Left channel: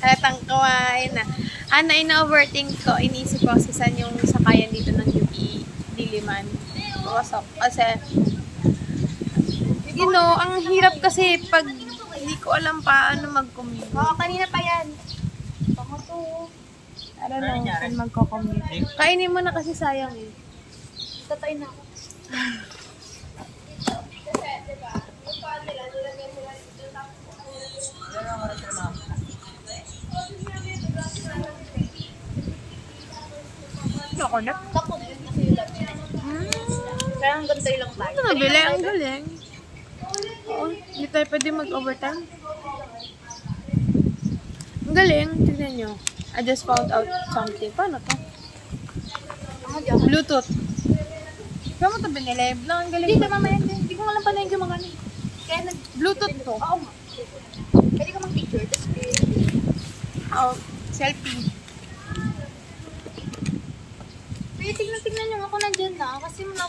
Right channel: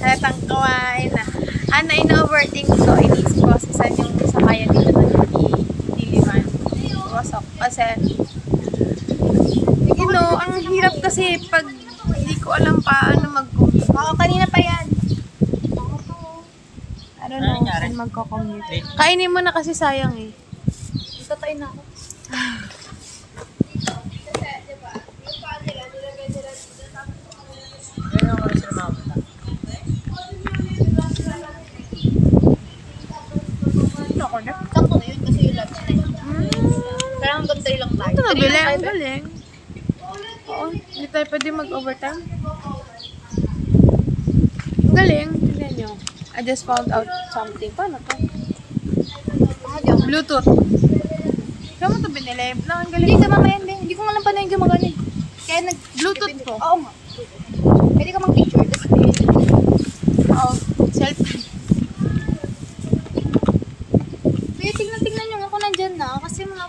Halatang kawain na. Ano, ina-overthink ko. Inisip ko kasi saan yung sakayan dito ng Diliman. Pumasok. Kasi, you know, ang hirap kasi pag hindi ko alam paano mag-commute. Kanina pa yan. I don't know saan magko-commute. Kainin mo na kasi sayang eh. Tatay na ako. Chocolate? Sakto na yun kasi yung lunch na yun. Kaya hanggang 3 lang tayo. Ito nabili, ang galing. Oo, hindi tayo pwede mag-overtime. Ang galing, tignan nyo. I just found out something. Paano to? Bluetooth. Kaya mo ito binili? Ang galing. Hindi, mamaya din. Hindi ko alam pa na yung gumagana. Kaya Bluetooth to. Oo, ma. Pwede ka mag-picture. Oo, selfie. Kuya, tignan nyo ako nandyan na. Kasi mga